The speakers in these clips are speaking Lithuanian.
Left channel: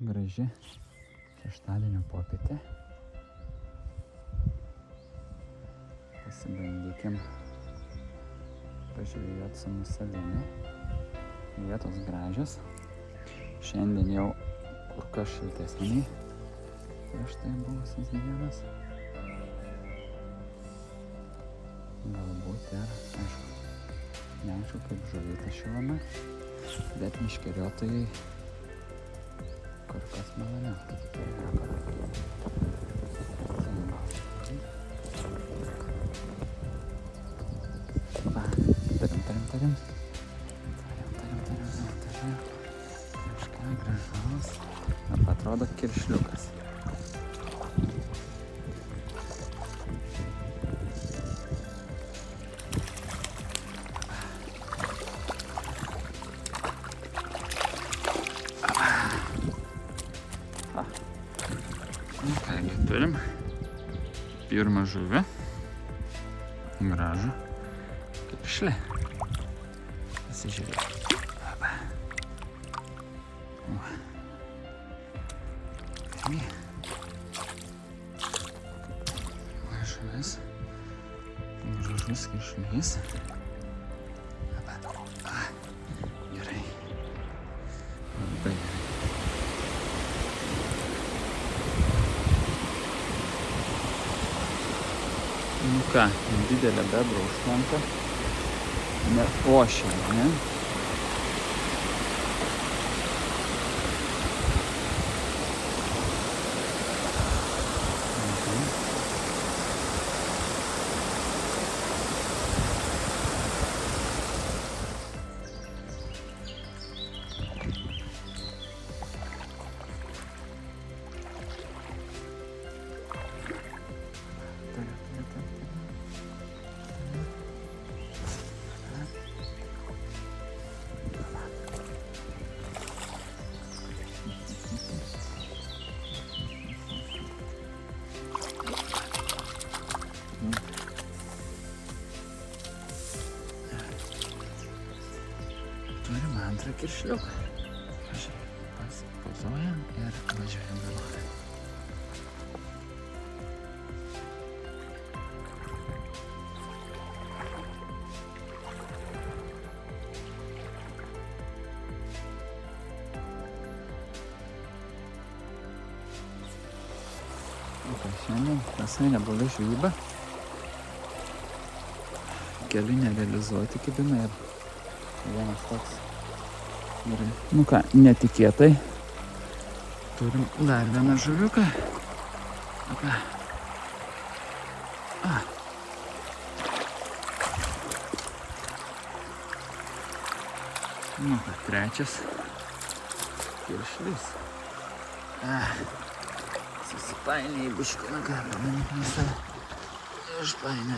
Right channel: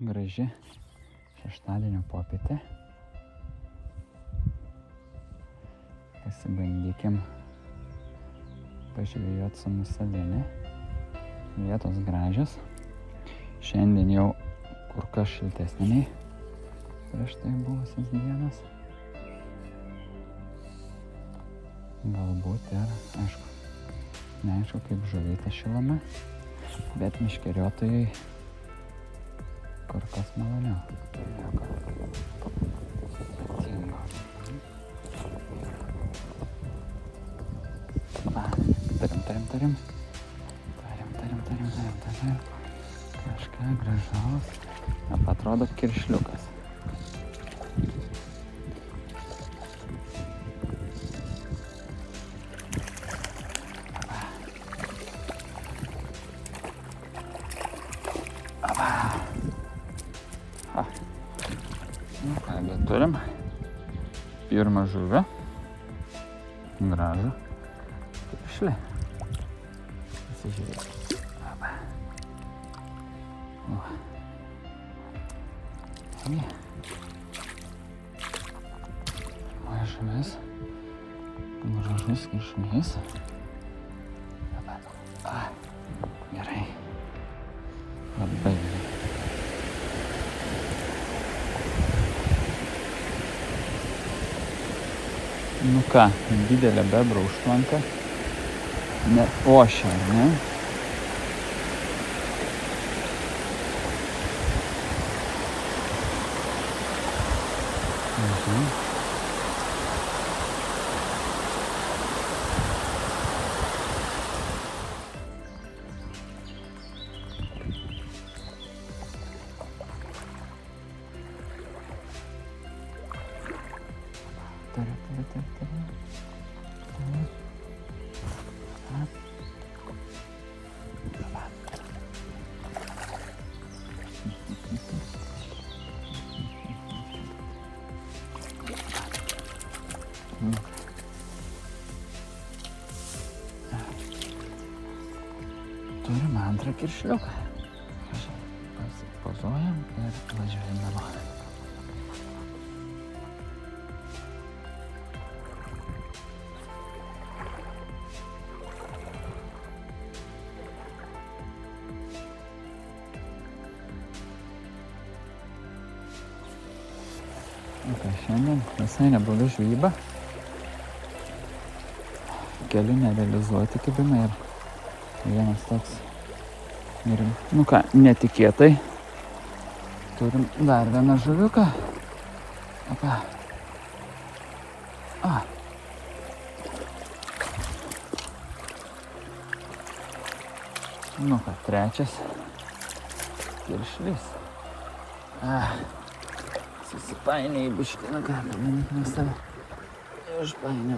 Graži šeštadienio popietė. Pasibandykim pažvejot su musavimi. Vietos gražios. Šiandien jau kur kas šiltesniai prieš tai buvusias dienas. Galbūt ir, neaišku kaip žuvyta šilame, bet meškeriotojai kur kas maloniau. Turim. Kažką gražaus. Atrodo kiršliukas. Kągi turim pirmą žuvį, gražų kiršlį. Pasižiūrėk. Žuvis, gražus kiršlys. Gerai. Labai. Nu ką, didelė bebra užklampa. Ošia, ne? Turim antrą kiršliuką. Pasipozuojam ir važiuojam namo. Šiandien visai nebloga žvejyba. Keli nerealizuoti kabina ir vienas toks. Ir, nu ką, netikėtai turim dar vieną žuviuką. Opa. Nu ką, trečias kiršlis. Susipainė į buškiną, ką pamanyt nuo save. Išpainė.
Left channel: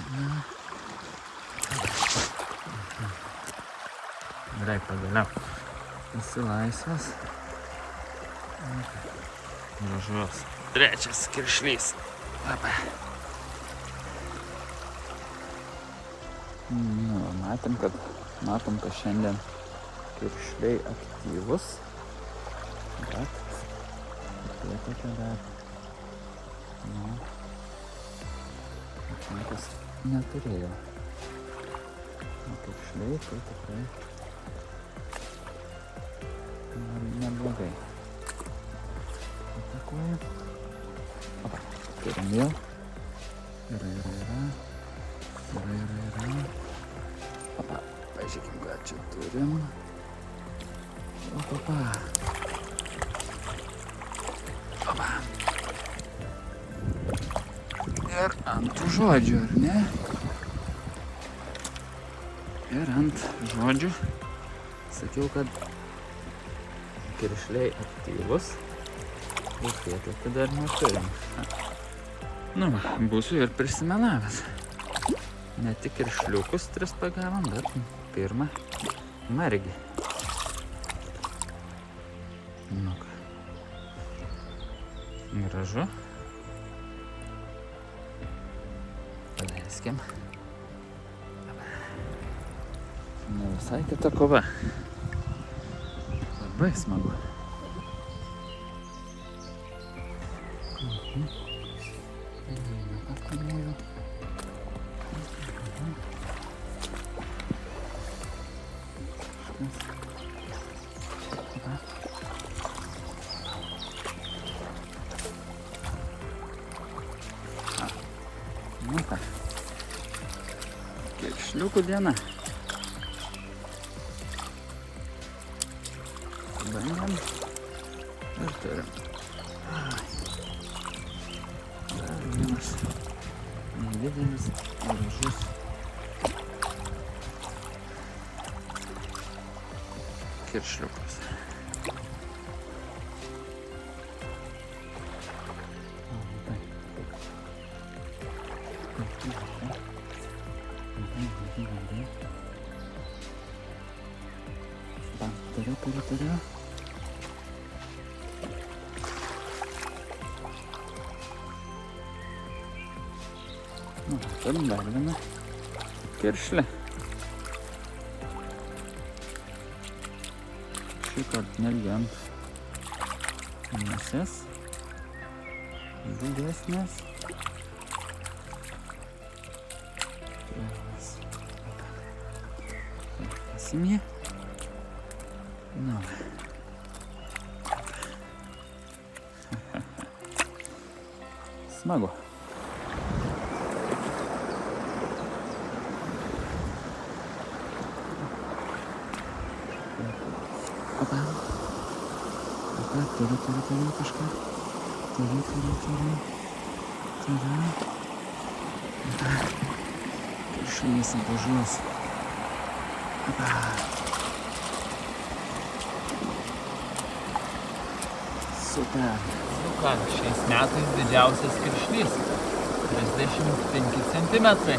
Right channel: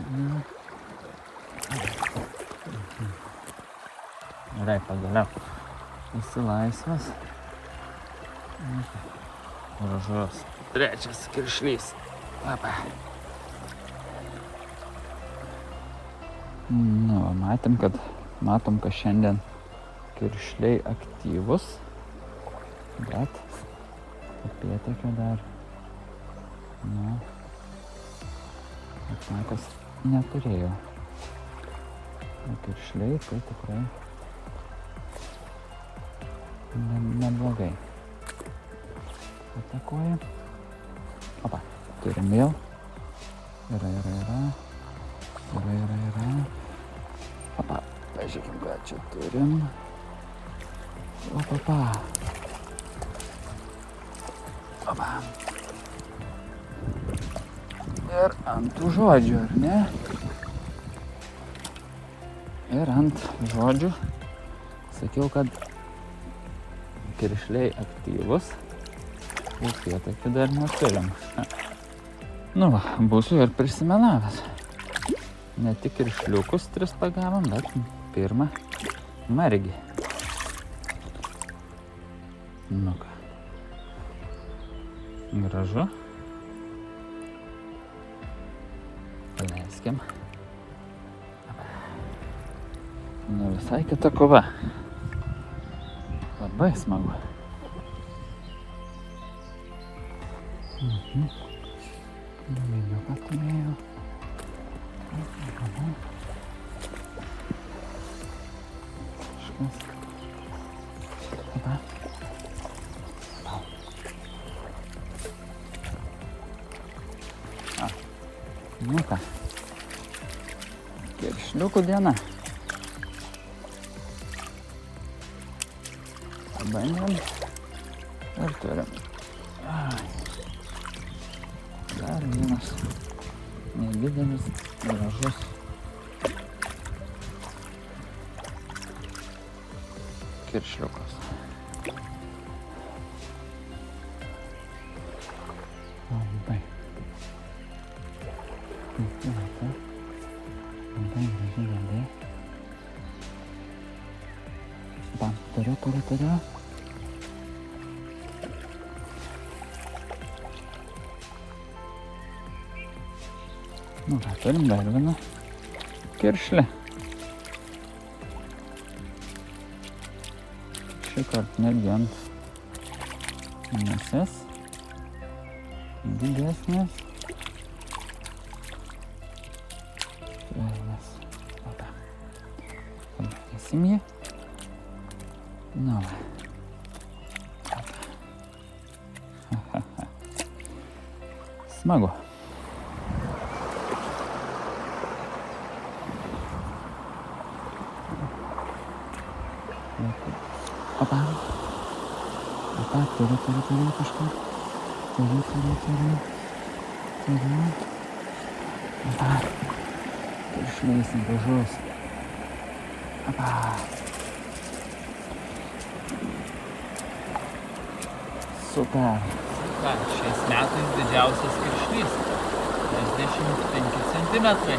Gerai, pagaliau. Esi laisvas. Gražus. Trečias kiršlys. Nu, matom, kad šiandien kiršliai aktyvus. Bet apietokio dar. Nu, bet niekas neturėjo. Kiršliai tai tikrai neblogai. Atakuoju. Opa, turim vėl. Yra. Opa, pažiūrėkim, ką čia turim. Opa. Ir ant tų žodžių, ar ne? Ir ant žodžių sakiau, kad kiršliai aktyvus ir tiek dar neturim. Nu va, būsiu ir prisimelavęs. Ne tik kiršliukus 3 pagavom, bet pirmą margį. Nu ką. Gražu. Paleiskim. Ne visai kita kova. Labai smagu. Nu ką. Kiršliukų diena. Pabandėm. Ir turim. Dar vienas nedidelis, gražus. Kiršliukas. Turiu. Turim dar vieną kiršlį. Šįkart netgi ant musės. Didesnės. Palikėsim jį. Nu. Smagu. Opa. Opa, turiu kažką. Turiu. Opa. Išleisim dažus. Opa. Super. Nu ką, šiais metais didžiausias kiršlys. 35 centimetrai.